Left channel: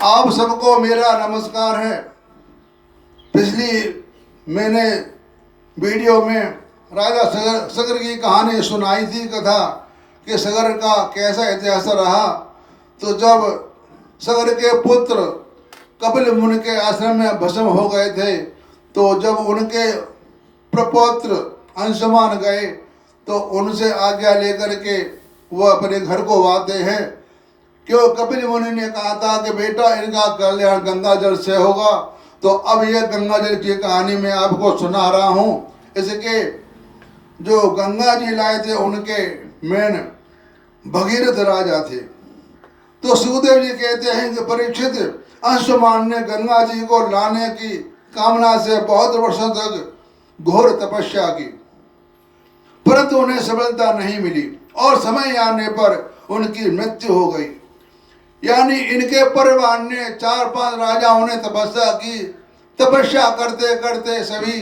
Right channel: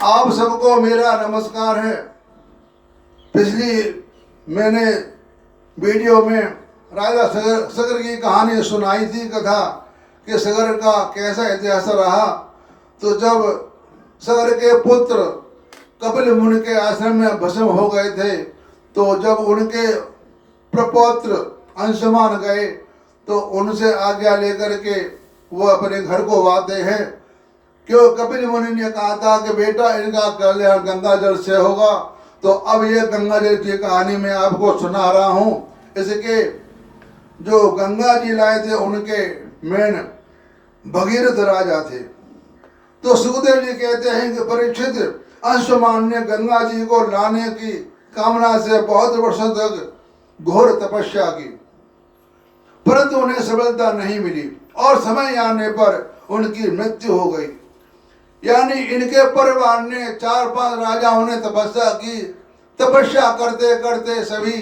आप सबको मेरा नमस्कार है। पिछली मैंने वीडियो में राजा सगर की कहानी सुनाई थी, कथा कि सगर का कैसा इतिहास रहा। तो जब सगर के पुत्र कपिल मुनि के आश्रम में भस्म हो गए थे, तो जब उनके प्रपौत्र अंशुमान गए तो उनसे आज्ञा लेकर के वो अपने घर को आते हैं। क्यों कपिल मुनि ने कहा था कि बेटा इनका कल्याण गंगा जल से होगा। तो अब ये गंगा जल की कहानी मैं आपको सुना रहा हूँ। इसके जो गंगा जी लाए थे उनके मेन भगीरथ राजा थे। तो सुखदेव जी कहते हैं कि परीक्षित अंशुमान ने गंगा जी को लाने की कामना से बहुत वर्षों तक घोर तपस्या की, परंतु उन्हें सफलता नहीं मिली और समय आने पर उनकी मृत्यु हो गई। यानी इनके परिवार ने 4-5 राजाओं ने तपस्या की। तपस्या करते करते सभी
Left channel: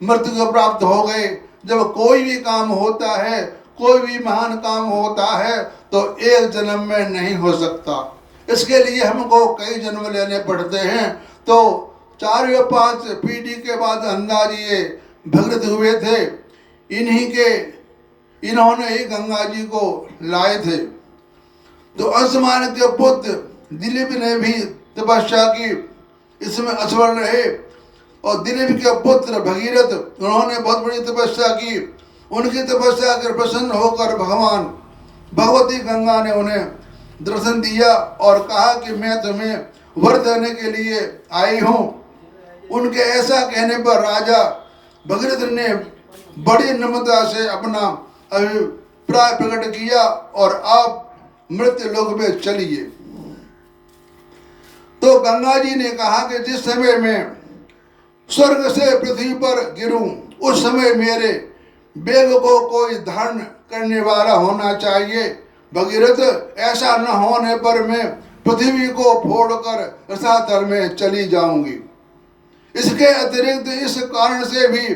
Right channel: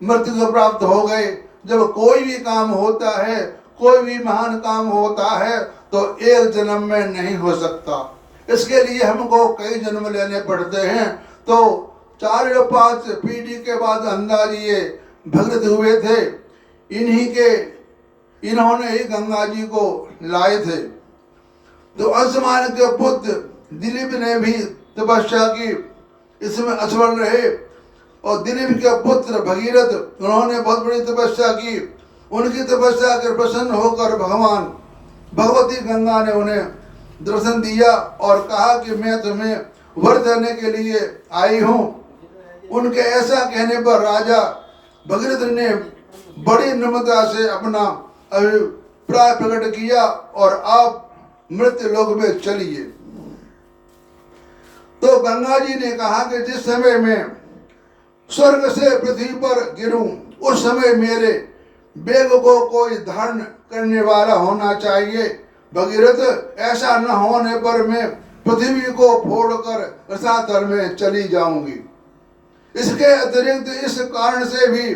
मृत्यु को प्राप्त हो गए। जब कोई भी काम होता है, कोई भी महान काम होता है, तो एक जन्म में नहीं हो सकता। इसके लिए हमको कई जन्म लेने पड़ते हैं। तो 4 या 5 पीढ़ी के बाद गंगा जी ये भगीरथ हुए थे। इन्होंने ही गंगा जी को लाए थे। तो अंशुमान के पुत्र दिलीप ने भी तपस्या की, इसमें असफल रहे। और दिलीप के पुत्र भगीरथ, उन्होंने बहुत बड़ी तपस्या की। उनकी तपस्या के प्रसन्न होकर भगवती गंगा ने उन्हें दर्शन दिया और कहा कि मैं तुम्हें वर देने के लिए आई हूँ। उनके ऐसा कहने पर राजा भगीरथ ने बड़ी नम्रता से अपना अभिप्राय प्रकट किया और आप मृत्यु लोक में चलिए। तो गंगा जी ने कहा कि जिस समय मैं स्वर्ग से पृथ्वी पर गिरूं, उस समय मेरे बेग को कोई धारण करने वाला होना चाहिए। भगीरथ, ऐसा न होने पर मैं पृथ्वी को फोड़कर रसातल में चली जाऊंगी। इसके अतिरिक्त इस कारण से भी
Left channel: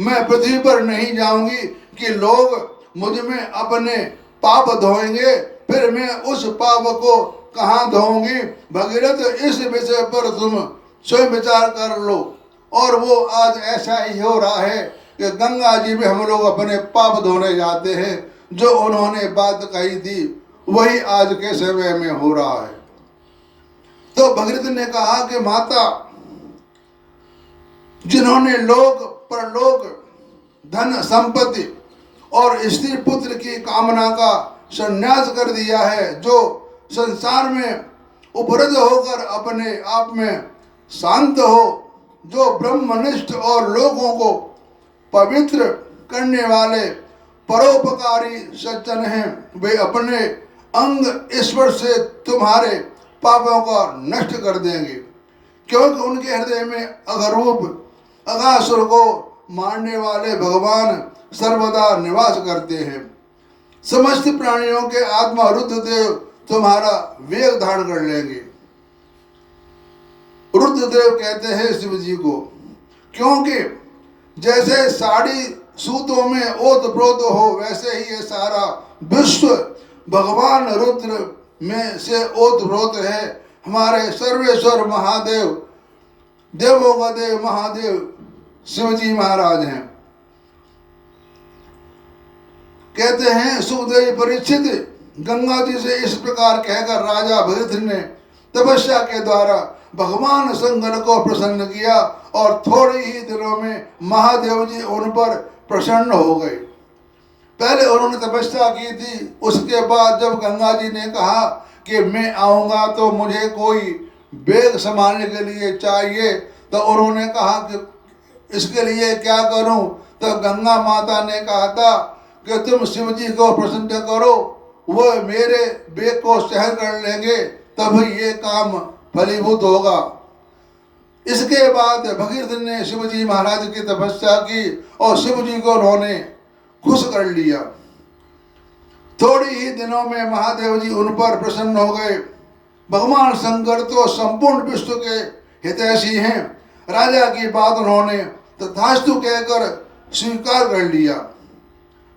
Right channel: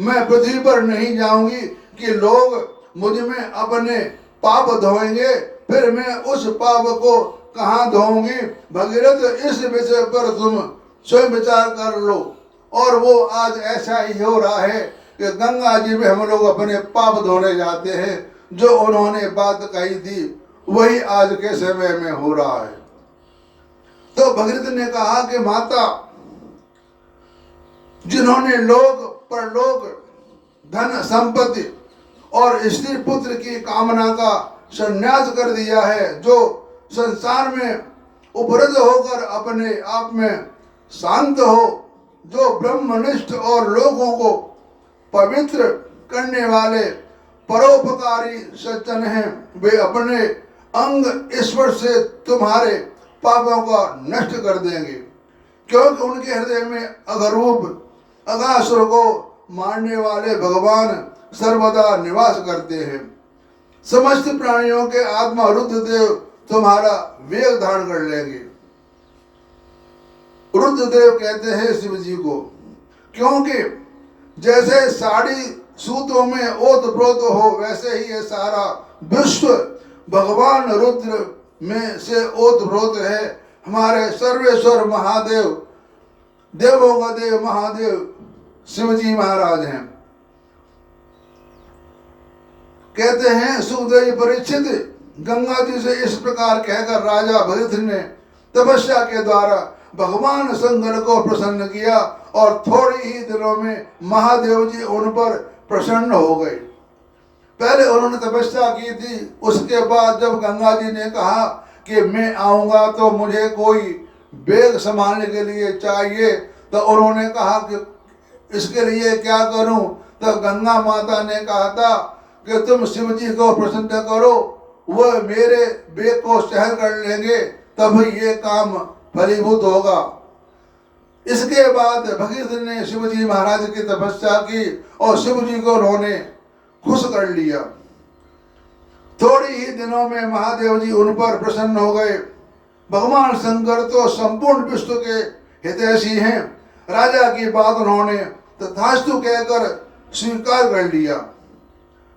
मैं पृथ्वी पर नहीं जाऊंगी कि लोग मुझ में अपने पाप धोएंगे, फिर मैं उस पाप को कहाँ धोऊंगी। भगीरथ, इस विषय पर तुम स्वयं विचार कर लो। और वो आज ऐसा ही हो रहा है कि गंगा जी में हम लोग अपने पाप धोने जाते हैं। जो उन्होंने बात कही थी वही आज के समय में हो रहा है। तो भगीरथ ने कहा कि माता, जिन्होंने लोक परलोक, धन संपत्ति और स्त्री पुत्र की कामना का संन्यास कर दिया है, जो संसार में उपरत होकर अपने आप में शांत हो, जो ब्रह्मनिष्ठ और लोगों को पवित्र करने वाले परोपकारी सज्जन हैं, वे अपने अंग ईश्वर से तुम्हारे पापों को नष्ट कर देंगे। क्योंकि उनके हृदय में अघरूप अगासुर को मारने वाले भगवान सर्वदा निवास करते हैं। समस्त प्राणियों के आत्मा रुद्रदेव तुम्हारा वेग धारण कर लेंगे। रुद्रदेव कहते हैं शिव जी को, क्योंकि जैसे साड़ी सूतों में ओतप्रोत हो, वैसे ही ये सारा विश्व भगवान रुद्र में से ओतप्रोत है। हमारे सर्वेश्वर महादेव, देवों का देव महादेव शिवजी महाराज हैं। कहते हैं सुखदेव परीक्षित, गंगा जी से इस प्रकार कहकर राजा भगीरथ ने तपस्या के द्वारा भगवान शंकर को प्रसन्न किया और थोड़े ही दिनों में महादेव जी उन पर प्रसन्न हो गए। पहले उन्होंने तपस्या की थी, उसके बाद जब गंगा जी ने कहा कि मैं आऊंगा तो मुझे कोई बेग संभालने के लिए चाहिए, तो उन्होंने कहा कि इसके लिए क्या करूं। तो गंगा माता ने कहा था कि तुम शिव जी को प्रसन्न करो, वो मेरे बेग को सहन कर लेंगे, तब ये काम फलीभूत होगा। इसके बाद भगीरथ ने शिव जी महाराज की तपस्या की और शिव जी को उन्होंने खुश कर लिया। थोड़ी ही दिनों में महादेव जी उन पर प्रसन्न हो गए। भगवान शंकर तो संपूर्ण विश्व के हितैषी हैं। राजा की बात उन्होंने तथास्तु कहकर स्वीकार कर लिया।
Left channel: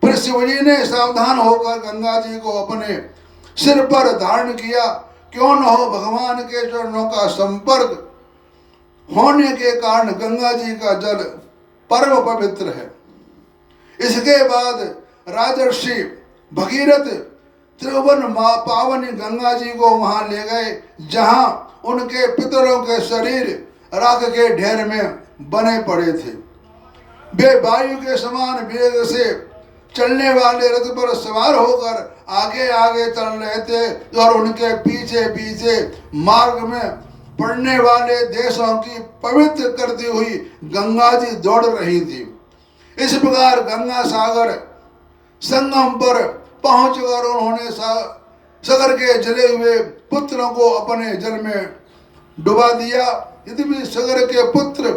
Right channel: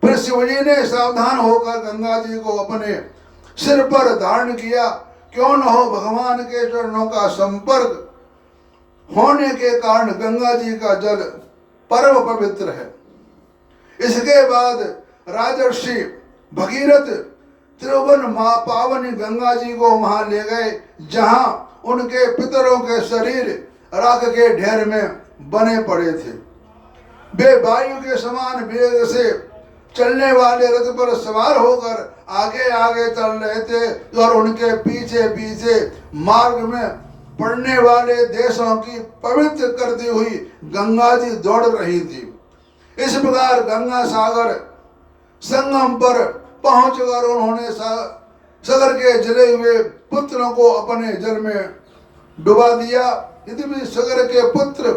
फिर शिवजी ने सावधान होकर गंगा जी को अपने सिर पर धारण किया। क्यों न हो भगवान के चरणों का संपर्क होने के कारण गंगा जी का जल परम पवित्र है। इसके बाद राजर्षि भगीरथ त्रिभुवन पावनी गंगा जी को वहां ले गए, जहां उनके पितरों के शरीर राख के ढेर में बने पड़े थे। वे वायु के समान वेग से चलने वाले रथ पर सवार होकर आगे आगे चल रहे थे और उनके पीछे पीछे मार्ग में पड़ने वाले देशों की पवित्र करती हुई गंगा जी दौड़ रही थी। इस प्रकार गंगा सागर संगम पर पहुंचकर उन्होंने सागर के जले हुए पुत्रों को अपने जल में डुबा दिया। यदि भी सागर के पुत्र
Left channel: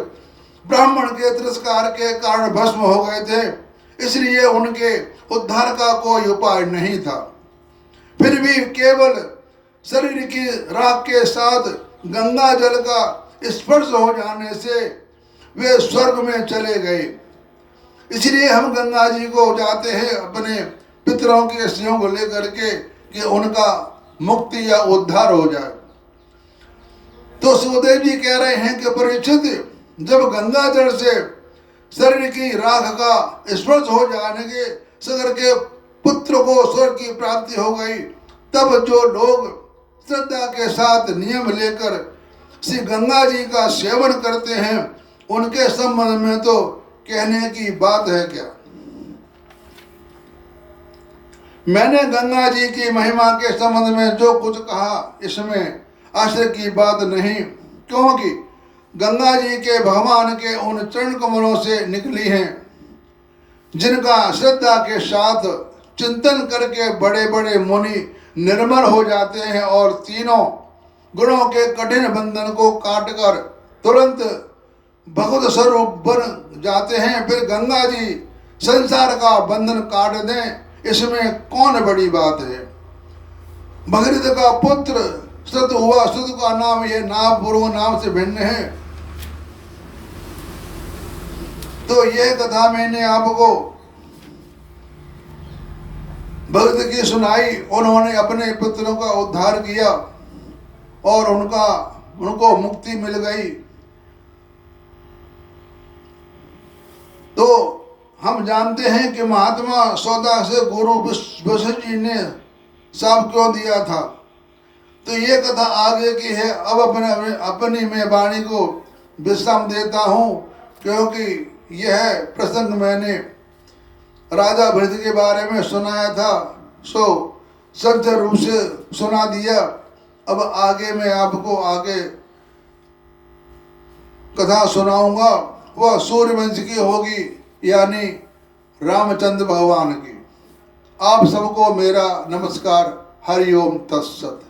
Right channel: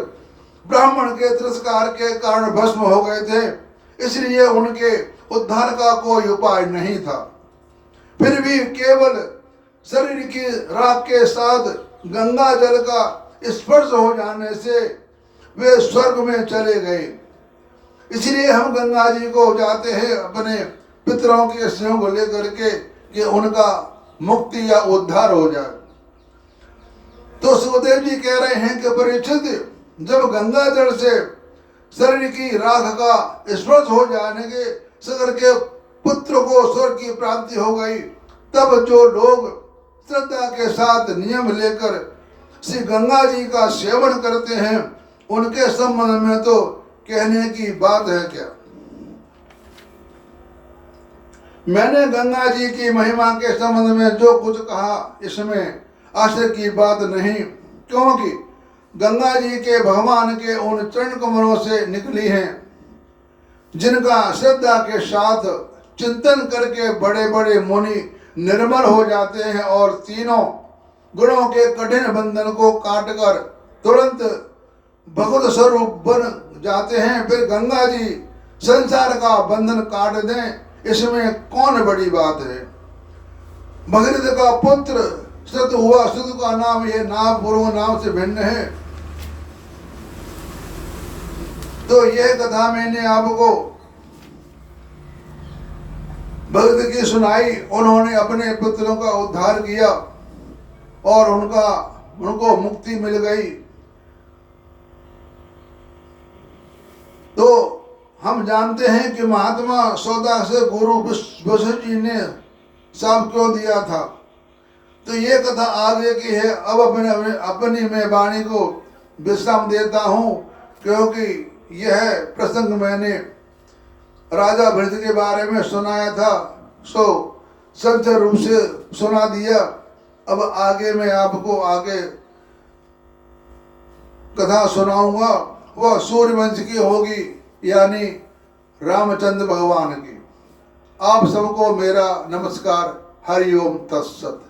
ब्राह्मण के तिरस्कार के कारण भस्म हो गए थे, इसलिए उनके उद्धार का कोई उपाय नहीं था। फिर भी केवल शरीर की राख के साथ गंगा जल का स्पर्श हो जाने से वे स्वर्ग में चले गए। इसलिए हम गंगा जी को जाते हैं अपने पितरों के स्नेह को लेकर के कि उनका मुक्ति या उद्धार हो जाए। तो सुखदेव जी कह रहे हैं कि परीक्षित, जब गंगा जल से शरीर की राख का स्पर्श हो जाने के सागर के पुत्र को स्वर्ग की प्राप्ति हो गई, तब जो लोग श्रद्धा के साथ नियम लेकर श्री गंगा जी का सेवन करते हैं, उनके संबंध में तो कहने की बात है क्या। मैंने गंगा जी की महिमा के संबंध में जो कुछ कहा, इसमें आश्चर्य की बात नहीं, क्योंकि गंगा जी के भगवान के उन चरण कमलों से निकली हैं, जिनका श्रद्धा के साथ चिंतन करके बड़े बड़े मुनि निर्मल हो जाते हैं और तीनों गुणों के कठिन बंधन को काटकर तुरंत भगवत स्वरूप बन जाते हैं। फिर गंगा जी संसार का बंधन काट दें, इसमें कौन बड़ी बात है। भगीरथ का पुत्र श्रुत हुआ, श्रुत का नाम ये नाम पूर्व नाम से भिन्न है। तो यह कथा मैंने आपको भगत की सुनाई। उन्होंने अपने पुत्रों का उद्धार किया और उनको मुक्ति मिल गई। तो हम जानते हैं कि महात्मा सौदा से गुरु वशिष्ठ जी ने शाप क्यों दिया था। तो ये कथा आगे की है। अब अपनी मैं वाणी को विश्राम देता हूँ, क्योंकि यह प्रसंग मैंने राजा भरत के बारे में सुनाया था, सो संत रूप से सुना दिया। अब आगे मैं आपको आगे कथा सुनाऊंगा, वह सूर्यवंश की होगी, यानी रामचंद्र भगवान की। आप सबको मेरा नमस्कार। हरिओम तत्सत।